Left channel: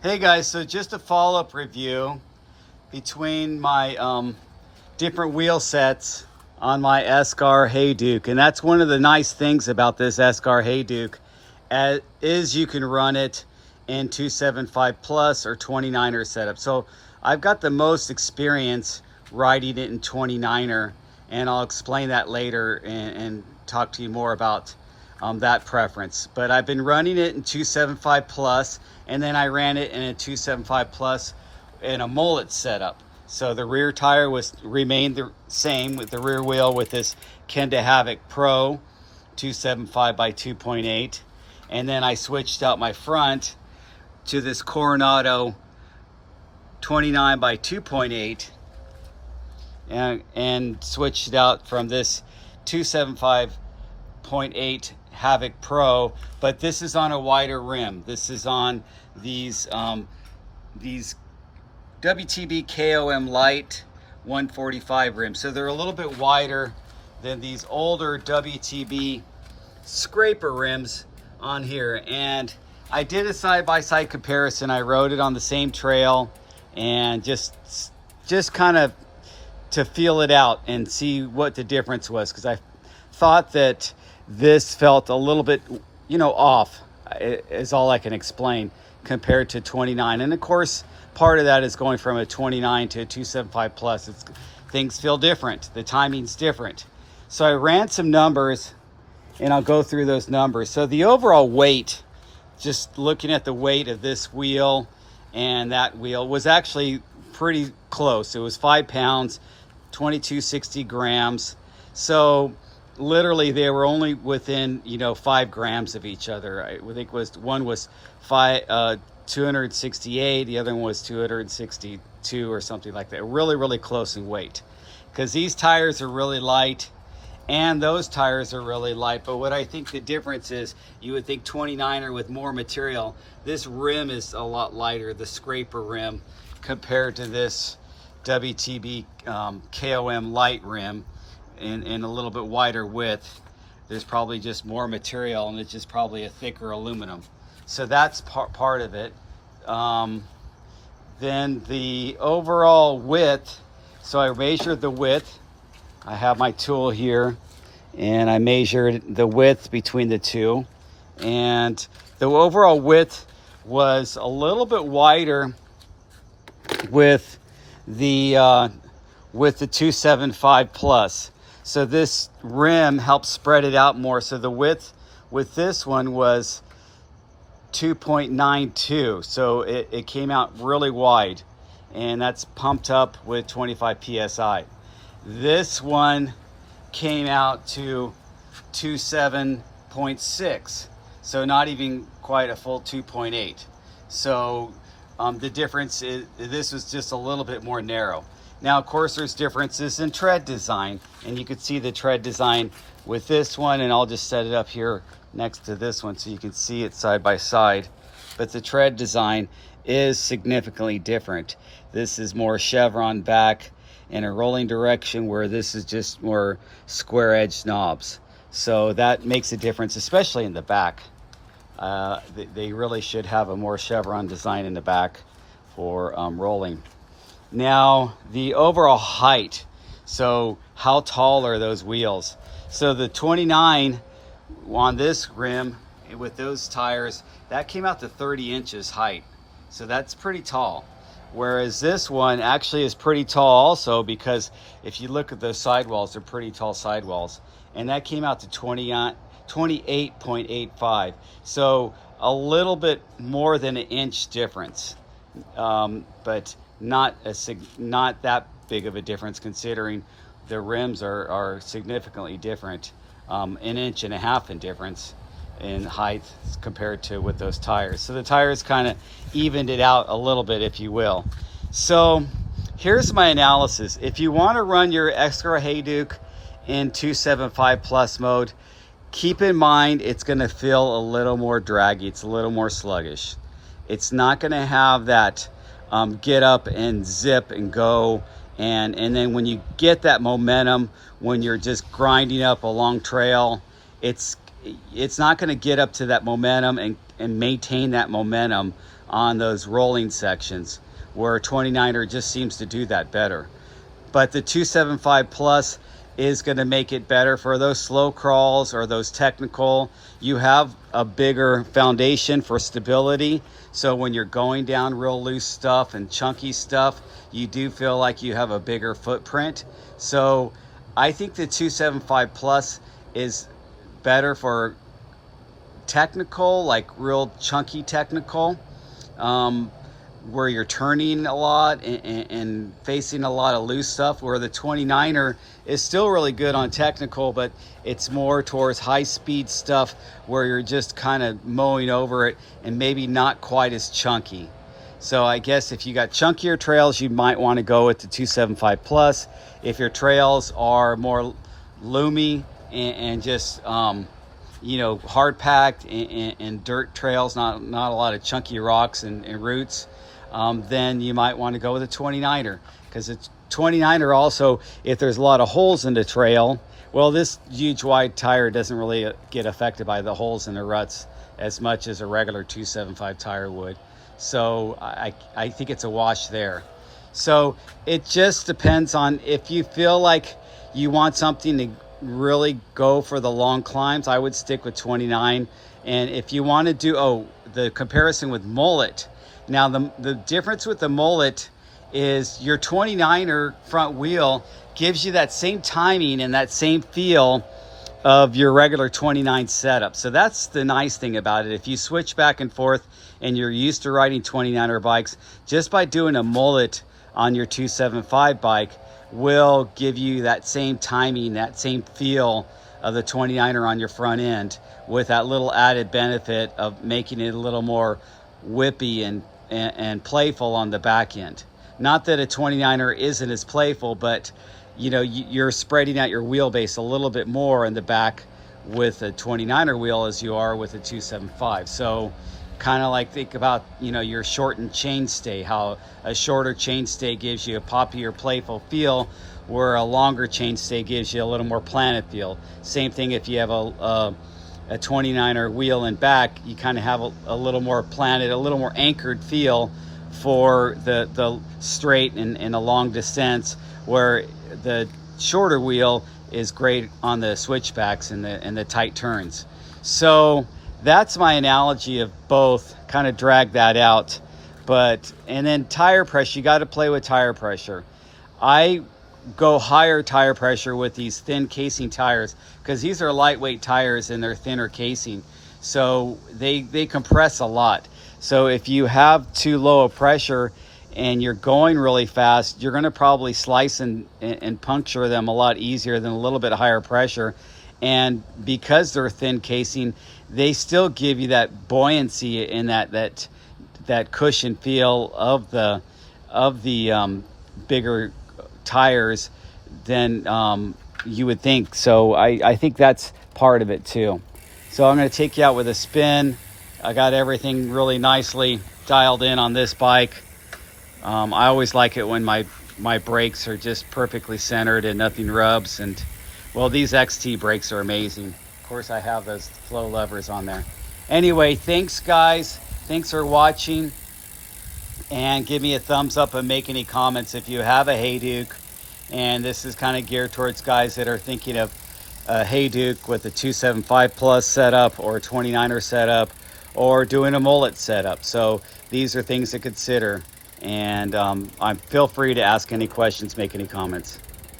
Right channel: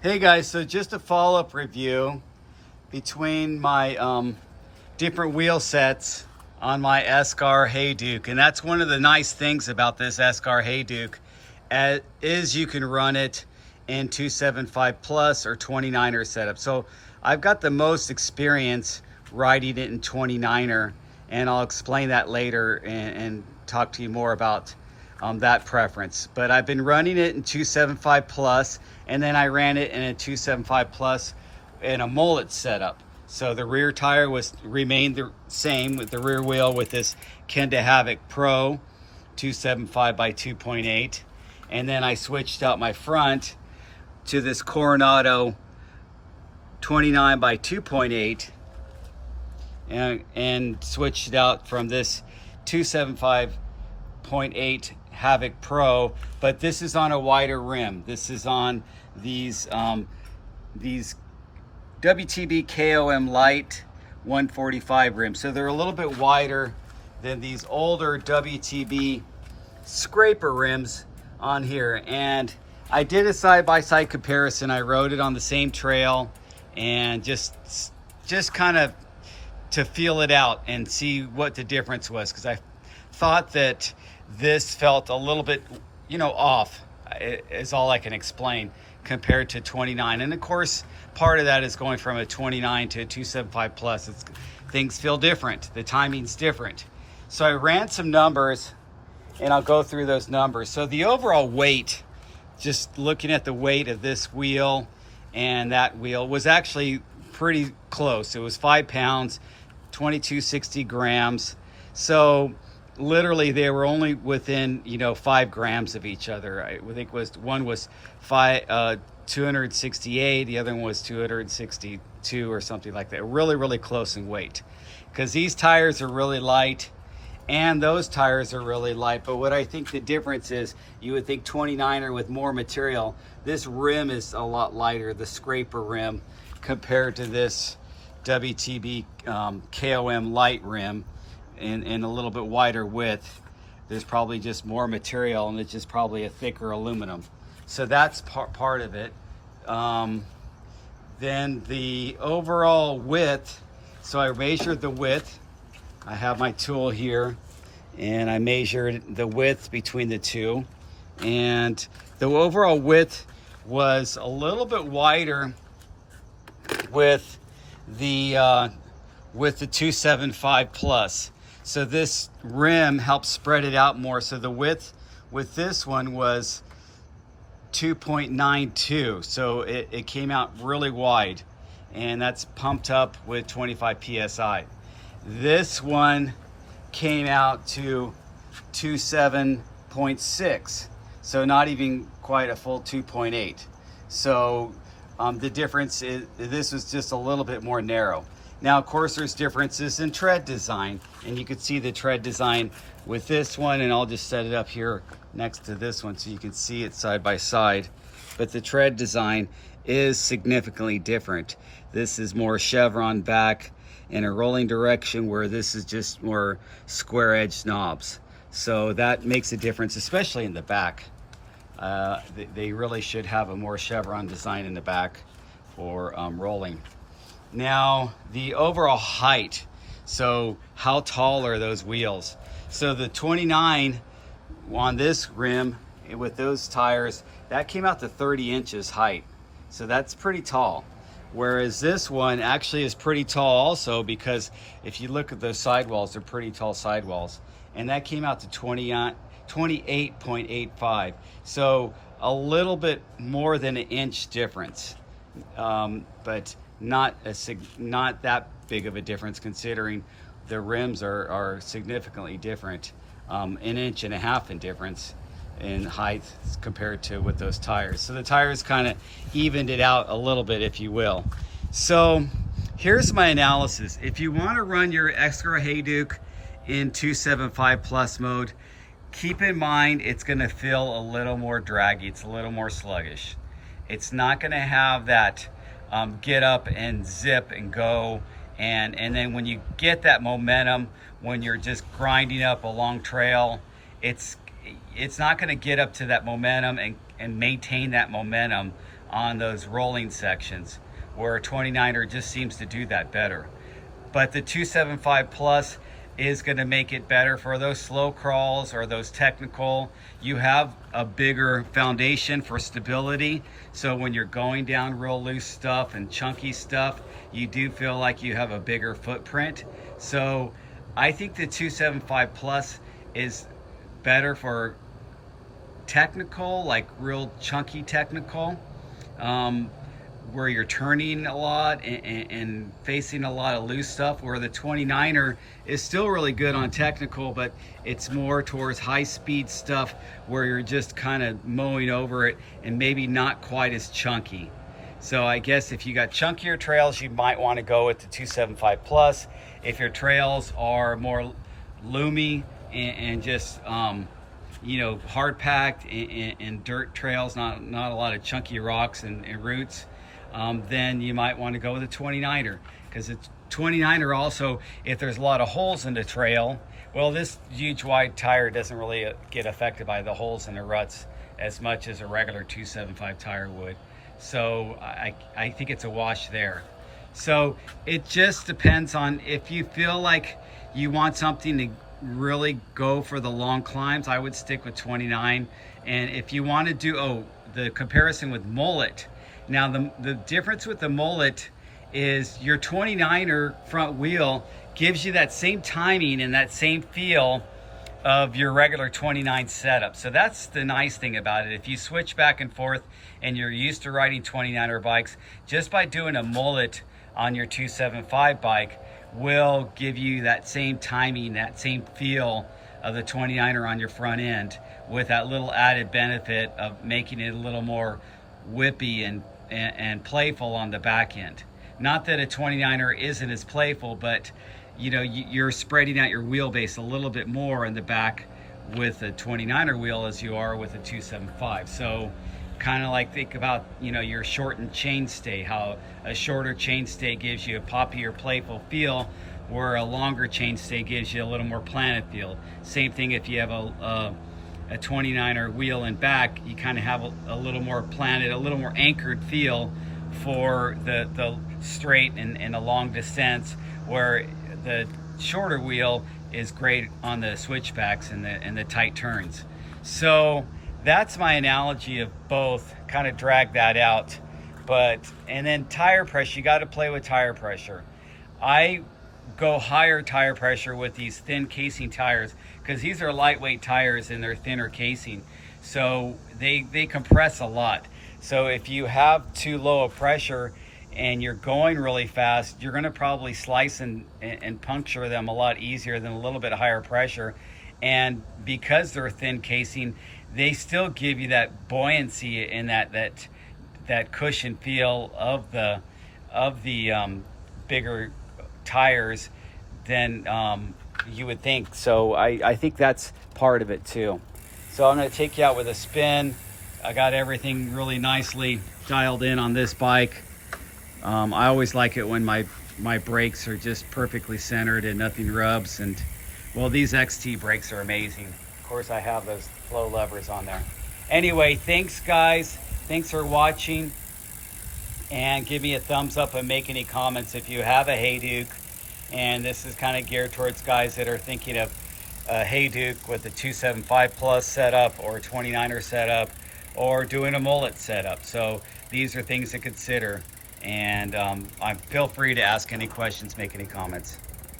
Hey guys, so just a follow-up review between my different wheel sets on my Esker Hayduke. And that's one of the nice things about this Esker Hayduke is you can run it in 275 plus or 29er setup. So I've got the most experience riding it in 29er, and I'll explain that later and talk to you more about that preference. But I've been running it in 275 plus, and then I ran it in a 275 plus in a mullet setup. So the rear tire remained the same with the rear wheel with this Kenda Havoc Pro 275 by 2.8. And then I switched out my front to this Coronado 29 by 2.8 and switched it out from this 275.8 Havoc Pro, but this is on a wider rim. This is on these WTB KOM Light 145 rims. So they're a little bit wider than these older WTB scraper rims on here. And I did a side-by-side comparison. I rode it on the same trail and just kind of to feel it out and see what the difference was, because I thought that this felt a little bit, off, is all I can explain, compared to 29. And of course, part of that is going from a 29 to a 275 plus. Things feel different. The timing's different. So I ran some numbers, and I'll go through those numbers. So the overall weight, just looking at the weight of this wheel and that wheel, was actually pretty close. It was 5 pounds, 2260 grams. So literally they were only within 5 grams of each other. I think one was 268, the other one was 262 or something like that. Really close in weight, because these tires are really light and those tires are really light. But what I think the difference is, you would think 29er with more material. This rim is a lot lighter, the scraper rim, compared to this WTB KOM light rim in a little bit wider width. There's probably just more material, and it's just probably a thicker aluminum. So that's part of it. Then the overall width, so I measured the width. I have my tool here, and I measured the width between the two. And the overall width was a little bit wider with the 275 plus. So this rim helps spread it out more. So the width with this one was 2.92. So it came out really wide, and that's pumped up with 25 PSI. This one came out to 27.6. So not even quite a full 2.8. So the difference is this was just a little bit more narrow. Now, of course, there's differences in tread design, and you can see the tread design with this one, and I'll just set it up here next to this one so you can see it side by side. But the tread design is significantly different. This is more chevron back in a rolling direction, where this is just more square edge knobs. So that makes a difference, especially in the back. They really should have a more chevron design in the back for rolling. Now, the overall height. So how tall are those wheels? So the 29 on this rim with those tires, that came out to 30 inches height. So that's pretty tall. Whereas this one actually is pretty tall also, because if you look at the sidewalls, they're pretty tall sidewalls. And that came out to 28.85. So a little bit more than an inch difference. But not that big of a difference, considering the rims are significantly different, an inch and a half in difference in height compared to with those tires. So the tires kind of evened it out a little bit, if you will. So here's my analysis. If you want to run your Esker Hayduke in 275 plus mode, keep in mind it's going to feel a little more draggy. It's a little more sluggish. It's not going to have that get up and zip and go, and then when you get that momentum, when you're just grinding up a long trail, it's not going to get up to that momentum and maintain that momentum on those rolling sections, where 29er just seems to do that better. But the 275 Plus is going to make it better for those slow crawls or those technical. You have a bigger foundation for stability, so when you're going down real loose stuff and chunky stuff, you do feel like you have a bigger footprint. So I think the 275 Plus is better for technical, like real chunky technical, where you're turning a lot and facing a lot of loose stuff, where the 29er is still really good on technical, but it's more towards high speed stuff where you're just kind of mowing over it and maybe not quite as chunky. So I guess if you got chunkier trails, you might want to go with the 275 Plus. If your trails are more loomy and just you know, hard packed and dirt trails, not a lot of chunky rocks and roots, then you might want to go with a 29er, because it's 29er also, if there's a lot of holes in the trail, well, this huge wide tire doesn't really get affected by the holes in the ruts as much as a regular 275 tire would. So I think it's a wash there. So it just depends on if you feel like you want something to really go for the long climbs, I would stick with 29. And if you want to do, the comparison with Mullet. Now the difference with the Mullet is your 29er front wheel gives you that same timing and that same feel of your regular 29 setup. So that's the nice thing about it. If you switch back and forth and you're used to riding 29er bikes, just by doing a Mullet on your 275 bike will give you that same timing, that same feel of the 29er on your front end, with that little added benefit of making it a little more whippy and playful on the back end. Not that a 29er isn't as playful, but you know, you're spreading out your wheelbase a little bit more in the back with a 29er wheel as you are with a 275. So kind of like, think about, you know, your shortened chainstay, how a shorter chainstay gives you a poppier, playful feel, where a longer chainstay gives you a little more planted feel. Same thing if you have a 29er wheel in back, you kind of have a little more planted, a little more anchored feel for the straight and a long descents, where the shorter wheel is great on the switchbacks and the tight turns. So that's my analogy of both, kind of drag that out. And then tire pressure, you got to play with tire pressure. I go higher tire pressure with these thin casing tires, because these are lightweight tires and they're thinner casing, so they compress a lot. So if you have too low a pressure and you're going really fast, you're going to probably slice and puncture them a lot easier than a little bit higher pressure. And because they're thin casing, they still give you that buoyancy and that cushion feel of the bigger tires than you would think. So I think that's part of it too. So I'm going to take you out with a spin. I got everything really nicely dialed in on this bike. I always like it when my brakes are just perfectly centered and nothing rubs. And well, these XT brakes are amazing. Of course, I have those flow levers on there. Anyway, thanks guys. Thanks for watching. And give me a thumbs up and make any comments if you have a Hayduke. And this is kind of geared towards guys that are thinking of a Hayduke with a 275 Plus setup or a 29er setup, or doing a Mullet setup. So these are things to consider. And feel free to ask any questions, make any comments.